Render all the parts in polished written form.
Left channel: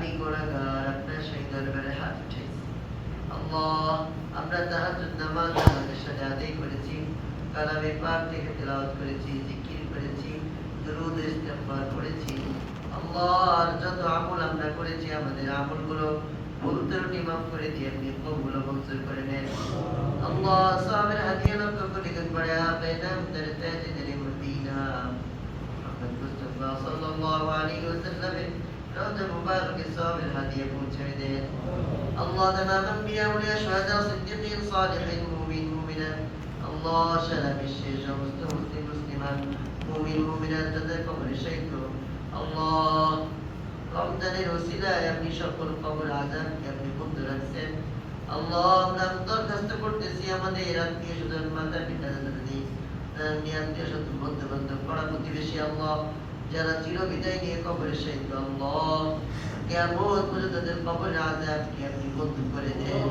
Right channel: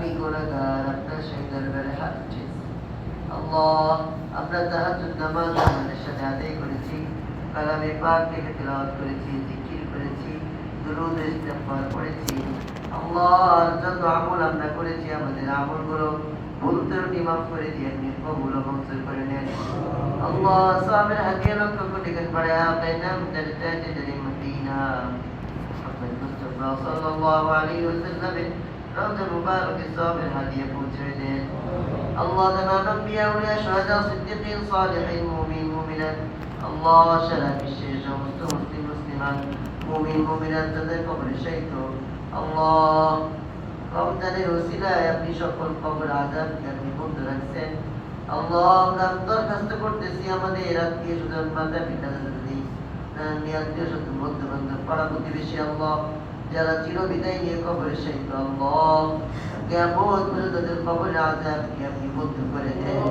আমি গুনাহগার আপনার সেই দরবারে হাত উঠেছি। আল্লাহ, আমরা তাহাজ্জুদ নামাজ আমাদের সাথে আদায় করেছি, কালামে পাক থেকে তিলাওয়াত করেছি, জিকির করেছি, দুরূদ ইস্তিগফার পড়েছি। আল্লাহ, যত আমল আমরা করেছি আমাদের আমলগুলো ভুল ত্রুটি মাফ করে দিয়ে আপনি কবুল ও মঞ্জুর করে নেন। আল্লাহ, সাহাবের হাদিয়া লক্ষ্য করে দিন বাড়ায়া বেনাম দরজাতে দরে মদিনা মুহাম্মদ মুস্তাফা সাল্লাল্লাহু আলাইহি ওয়াসাল্লাম রওজা মুবারক সাহাবের হাদিয়া পৌঁছে দেন। আল্লাহ, তামাম আম্বিয়া ওলিয়া শুহাদা সিদ্দিকিন সালিহিন মুমিন মুমিনাত আল্লাহ সারা বিশ্বের সমস্ত মুসলিম মুসলিমান মুমিন মুমিনাত তাদের কবরে শাহিদ আল্লাহ, রমজানের ওসিলায় আপনি সকল কবর আযাবকে আপনি বন্ধ রাখছেন। আল্লাহ, আমরা দরখাস্ত করতেছি আমাদের আত্মীয় স্বজন মাতা পিতা দাদি আত্মীয় স্বজন বন্ধু বান্ধব পাড়া প্রতিবেশী আল্লাহ যারা চিরবিদায় নিয়ে কবরে শাহিদ আল্লাহ, কিয়ামত পর্যন্ত তাদের কবরের আযাবকে আপনি বন্ধ করে দেন।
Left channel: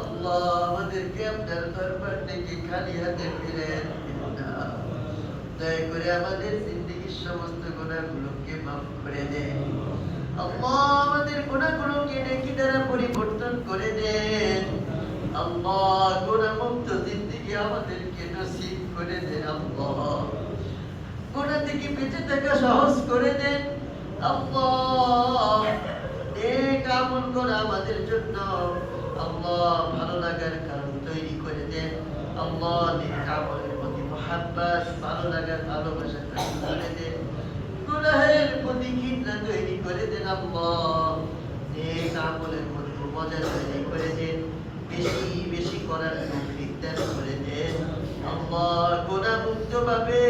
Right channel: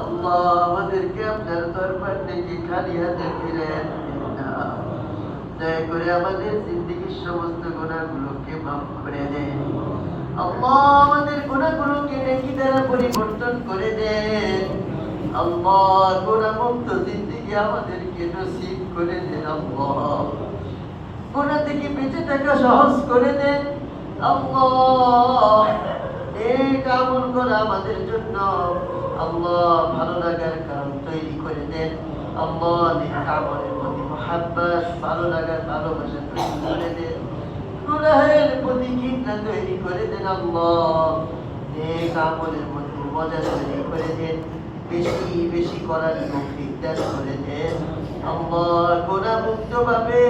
আল্লাহ, আমাদেরকে আপনার দরবার থেকে খালি হাতে ফিরে না, দয়া করে আমাদের জিন্দেগীর সমস্ত গুনাহগুলোকে মাফ করে দেন। আল্লাহ, আমাদের গুনাহগুলোকে নেকি দ্বারা পরিবর্তন করে দেন। আল্লাহ, গুনাহমুক্ত জিন্দেগী আমাদেরকে নসিব করে দেন। আল্লাহ, গুনাহ থেকে বেঁচে থাকা সহজ করে দেন। আল্লাহ, নেক আমল করা আমাদের জন্য আল্লাহ ভালো লাগার কারণ তৈরি করে দেন। আল্লাহ, নেক আমলের প্রতি মুহাব্বত ভালো লাগার ভালোবাসা তৈরি করে দেন। গুনাহের প্রতি ঘৃণা তৈরি করে দেন। আল্লাহ, নেক আমলের মধ্যে মজা তৈরি করে দেন। বেশি বেশি করার তৌফিক দান করে দেন। আল্লাহ, গুনাহ মুক্ত ভাবে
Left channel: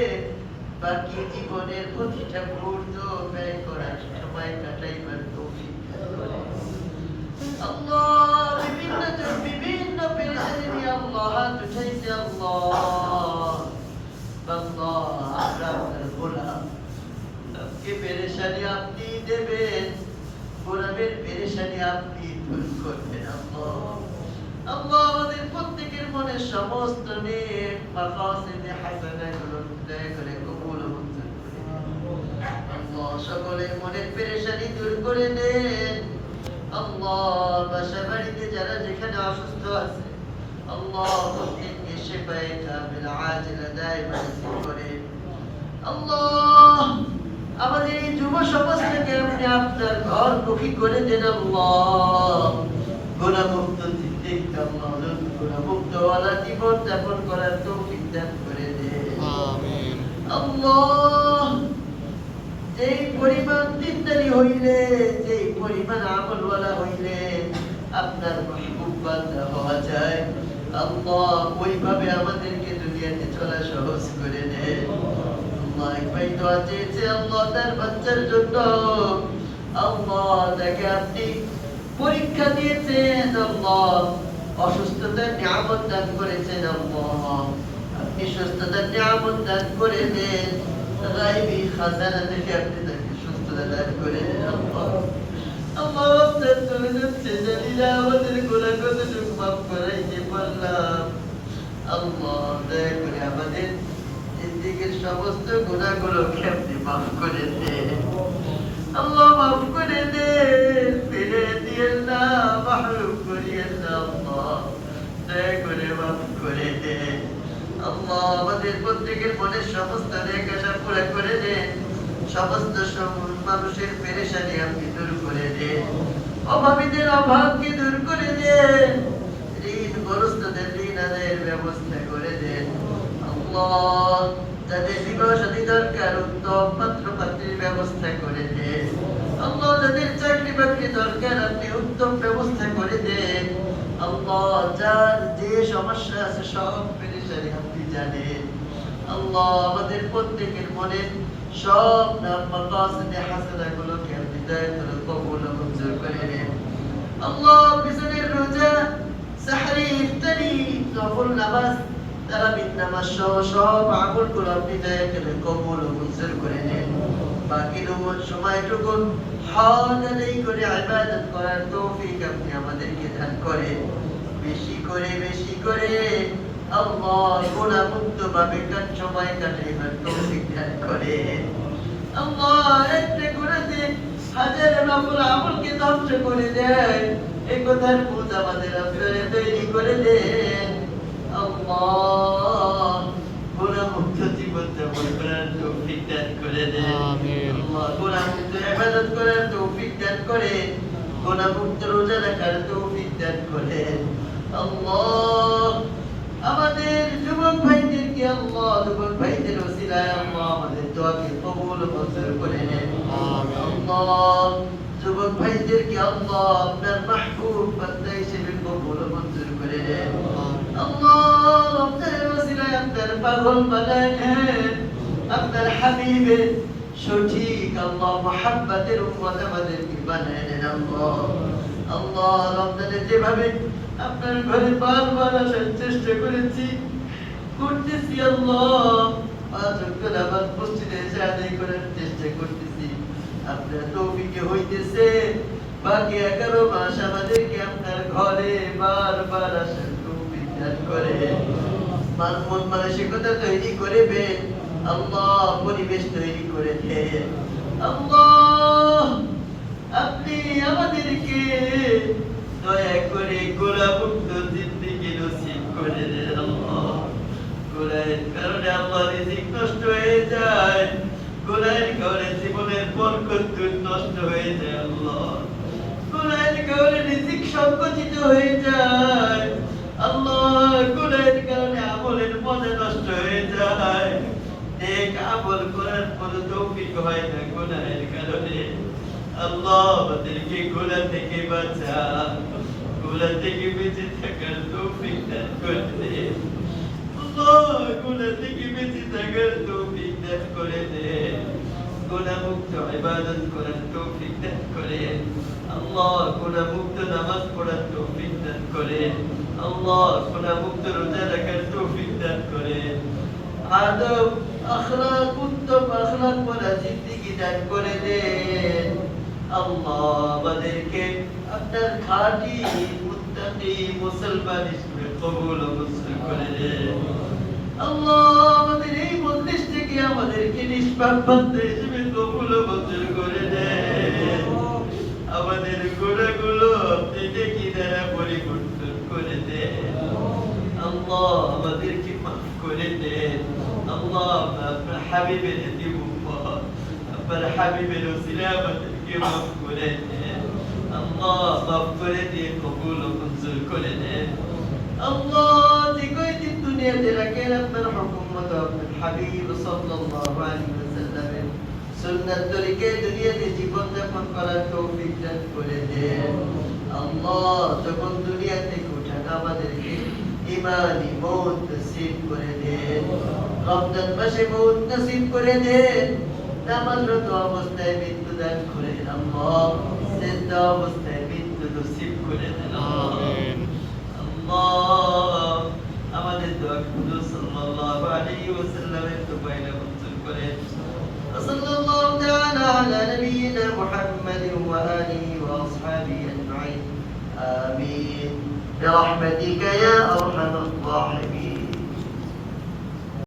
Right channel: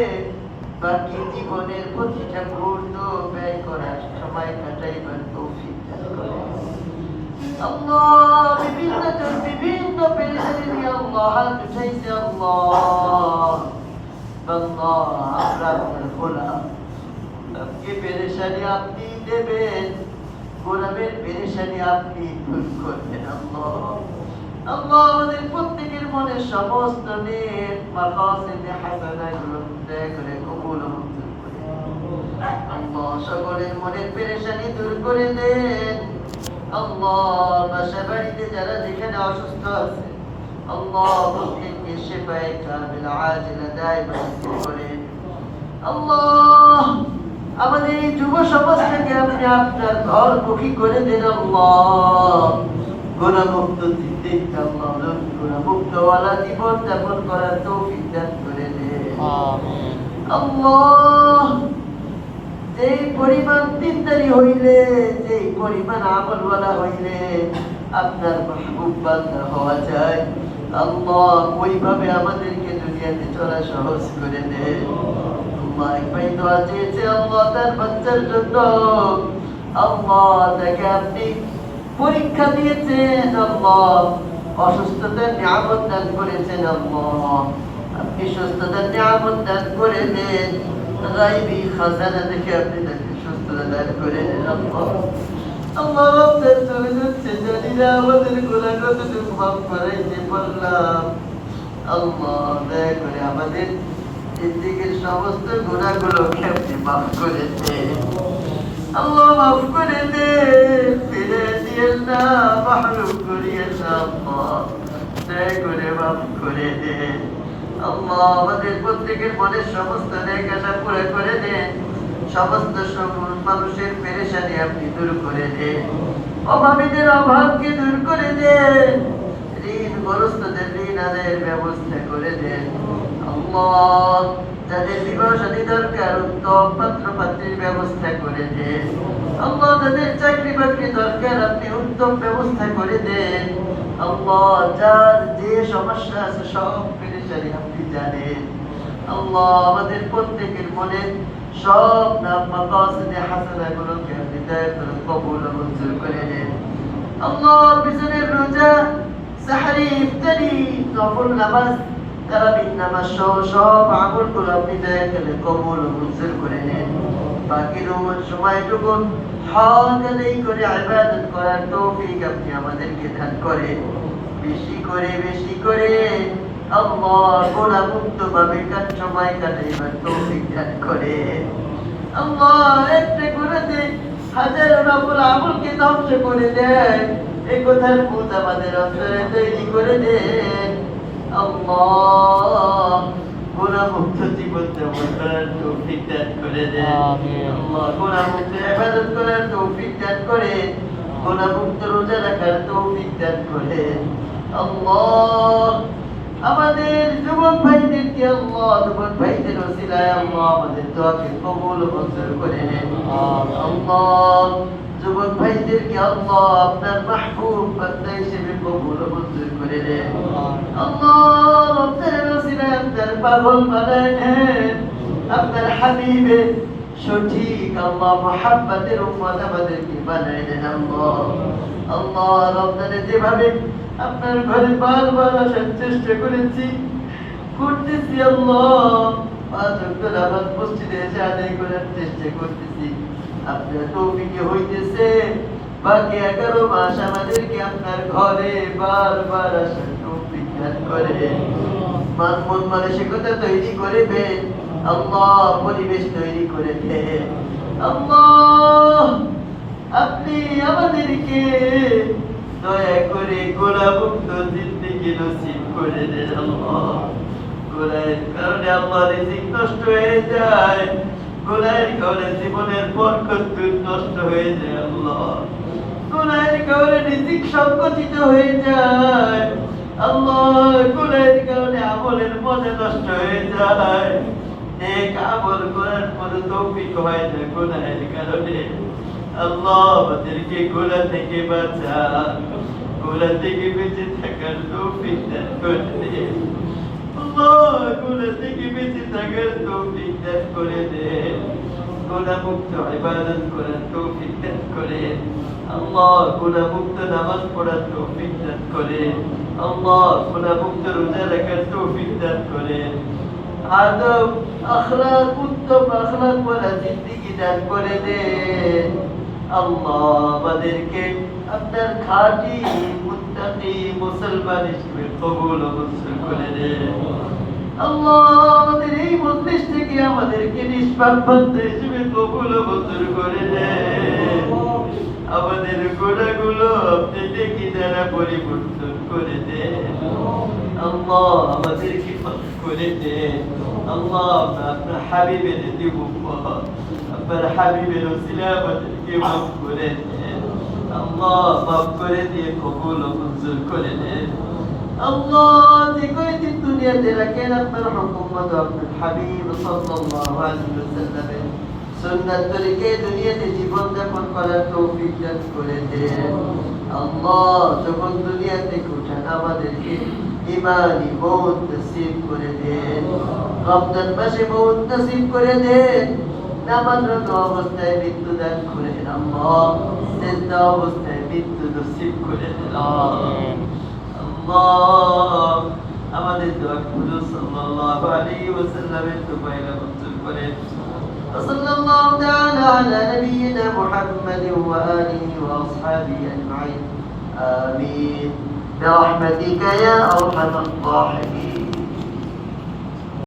বাকি জীবনের প্রতিটা মুহূর্ত ব্যয় করার সময় কাটাইবার তৌফিক দান করে দেন। আল্লাহ, বিভিন্ন পেরেশানি নিয়ে আল্লাহ হাত উঠাইছে। আল্লাহ, আমরা আপনার গোলাম, আপনি পেরেশানি আপনি দেবেন, গোলামের পেরেশানি আপনি দূর করবেন। আল্লাহ, আমাদের প্রত্যেকের মনের সমস্ত নেক মাকাসিদে হাসানাগুলো দয়া করে কবুল ও মঞ্জুর করে আল্লাহ, সকলের মনের পেরেশানি দূর করে দেন। আল্লাহ, বাসা বাড়িতে যারা যেখানে অসুস্থ আছে আল্লাহ, প্রত্যেককে শিফায়ে কামিল আজিলা দায়মান করেন। আল্লাহ, আমাদের এই যুব সমাজটাকে আপনি আপনার ঘর মুখী করে দেন। আল্লাহ, গুনাহমুক্ত জিন্দেগি আল্লাহ, গুনাহমুক্ত ওয়ালা জীবন যাপন করার তৌফিক দান করে দেন। আমিন। আল্লাহ, যেই পরিমাণ দিনদারি হইলে, যেই পরিমাণ আমলওয়ালা হইলে আপনার মাহবুব বান্দা হওয়া যায়, আল্লাহ ওইভাবে আমাদেরকে দুনিয়াতে চলা সহজ করে দেন। আল্লাহ, এক ভাই দোয়া চেয়েছে আল্লাহ তার বাচ্চার জন্য। আল্লাহ, তাকে আপনি পরীক্ষা দিয়েছেন। আল্লাহ, অসুস্থতার নিয়ামত দান করেছেন। আল্লাহ, আপনি সুস্থতার নিয়ামত দান করে দেন। গায়বী খাজানা থেকে আপনি তাকে সুস্থতা দান করে দেন। আল্লাহ, আপনার চলে যাচ্ছে জানি না আমাদের গুনাহ কতটুকু মাফ করাইতে পারলাম। আল্লাহ, দয়া করে আমাদের জিন্দেগীর সমস্ত গুনাহগুলোকে আপনি মাফ করে দেন। আল্লাহ, মাফ করে দেন, ফিরে দিয়েন না, মাহরুম করিয়েন না। আল্লাহ, দয়া করে মাফ করে দেন। আল্লাহ, আমাদের প্রত্যেকের মনের সমস্ত নেক আশা পুরা করে দেন। সমস্ত মানুষের পেরেশানি আপনি দূর করে দেন। অভাবীদের অভাবকে দূর করে দেন। ঋণগ্রস্তদের ঋণ আদায়ের ব্যবস্থা করে দেন। আল্লাহ, যাদের বিবাহ শাদী দরকার উত্তম পাত্র পাত্রীর ব্যবস্থা করে দেন। আল্লাহ, যাদের চাকরি বাকরি দরকার আপনি উত্তম ব্যবস্থা করে দেন। আল্লাহ, যার যে সমস্যা আছে সব পেরেশানি আপনি জানেন। আল্লাহ, আমাদের প্রত্যেকের মনে সব নাম মাকাসিদে হাসানাগুলোকে আপনি দয়া করে কবুল ও মঞ্জুর করে নেন। আল্লাহ, বিছানের রোজা, সাহরি, ইফতারি, নফল নামাজ, তারাবির নামাজ সহ সব আমলগুলো আপনি দয়া করে কবুল ও মঞ্জুর করে নেন। বাকি সময়টুকু হজ আদায় করে ইবাদত করার তৌফিক আপনি আমাদেরকে দান করেন। বেশি করে আল্লাহ, গুনাহমুক্ত ভাবে সময় কাটাইবার তৌফিক দান করেন। আল্লাহ, একটা গুনাহতে হাজারো নফল আমলকে ধ্বংস করে দেয়, এই কথার বুঝ আমাদের অন্তরে তৈরি করে দেন। আল্লাহ গুনাহমুক্ত জীবন যাপন করার তৌফিক দান করে দেন। আল্লাহ গুনাহমুক্ত ইবাদত করার তৌফিক দান করে, গুনাহমুক্ত রোজা রাখার তৌফিক দান করেন। আল্লাহ আমাদের যুবক ভাইদেরকে আল্লাহ যুবক ভাইদের ওসিলায় আল্লাহ আমাদের দোয়াকে কবুল ও মঞ্জুর করে নেন। আল্লাহ যুবক ভাইদেরকে আল্লাহ আপনার মাহবুব বান্দা হিসেবে কবুল ও মঞ্জুর করে নেন। আল্লাহ আপনার ওসিলায় আপনার পাগল বানায় নেন, আপনার হাবিবের সঠিক আল্লাহ মুহাব্বতের উম্মত আমাদেরকে বানায় নেন। আল্লাহ আল্লাহ রমজানে যেভাবে আপনার ঘরে বারবার আসার চেষ্টা করতেছি আল্লাহ, পাঁচ ওয়াক্ত নামাজ মসজিদে এসে আদায় করার চেষ্টা করতেছি, আপনার তৌফিকে হইতেছে। বাকি 11 মাস আমাদেরকে আপনার ঘরে বারবার আসার তৌফিক দান করে, মন মানসিকতা তৈরি করে দেন আল্লাহ, পরিবেশ তৈরি করে দেন আল্লাহ। আপনি আমাদেরকে দয়া করে গুনাহমুক্ত জিন্দেগি নসিব করে দেন আল্লাহ। গুনাহের কারণে আল্লাহ রিজিক নষ্ট হয়ে যায়, গুনাহের কারণে জীবনের বরকত নষ্ট হয়ে যায় আল্লাহ, গুনাহের কারণে রিজিক সংকুচিত হয়ে যায় আল্লাহ, গুনাহের কারণে আমলের মজা নষ্ট হয়ে যায়, নেক আমল করার কোনো তৌফিক হয় না গুনাহের কারণে। আল্লাহ আমাদেরকে গুনাহ থেকে বাঁচা, গুনাহ থেকে বেঁচে থাকার তৌফিক দান করে দে আল্লাহ, গুনাহ থেকে বেঁচে থাকার তৌফিক দান করে দে, গুনাহমুক্ত ইবাদত করার তৌফিক দান করে আল্লাহ, গুনাহমুক্ত নামাজ পড়ার তৌফিক দান করে আল্লাহ, গুনাহমুক্ত রোজা রাখার তৌফিক দান করে, আদব আখলাক উত্তম আখলাক ওয়ালা জিন্দেগি দান করে দে আল্লাহ। আমাদেরকে আপনার খাঁটি মুত্তাকি মুসলমান হিসেবে কবুল ও মঞ্জুর করে দে আল্লাহ। আমাদের এই মজলিস থেকে আমাদেরকে নিষ্পাপ বান্দা হিসেবে কবুল ও মঞ্জুর করে দে। আমাদের গুনাহগুলো আপনি নেকি দ্বারা পরিবর্তন করে দে আল্লাহ, আমাদেরকে মাফ করে দে আল্লাহ। আপনার হাবিবের আপনার হাবিবের ওসিলায় আমাদেরকে মাফ করে দেন আল্লাহ, মাফ করে দিয়ে কবুল ও মঞ্জুর করে দেন আল্লাহ। যে কয়দিন দুনিয়াতে রাখেন আপনার হুকুম মতো আপনার হাবিব সাল্লাল্লাহু আলাইহি ওয়াসাল্লামের সুন্নাত তরিকে দুনিয়াতে জীবন যাপন করার তৌফিক দান করে দেন আল্লাহ। যখন দুনিয়া থেকে উঠান আমাদেরকে ইমানি মৌত নসিব করে দেন, রমজান মাসে মৌত নসিব করে দেন, নামাজরত অবস্থায় মৃত্যু দান করেন আল্লাহ, সিজদা অবস্থায় মৃত্যু নসিব করে দেন আল্লাহ। আমাদের দোয়া কবুল সাল্লাল্লাহু আলাইহি ওয়াসাল্লামের দোয়াইলা মঞ্জুর করেন। সাল্লাল্লাহু তাআলা আলা নবিয়িনা মুহাম্মাদিন ওয়া আলিহি ওয়া আসহাবিহি আজমাইন, আমিন برحمتك يا أرحم الراحمين।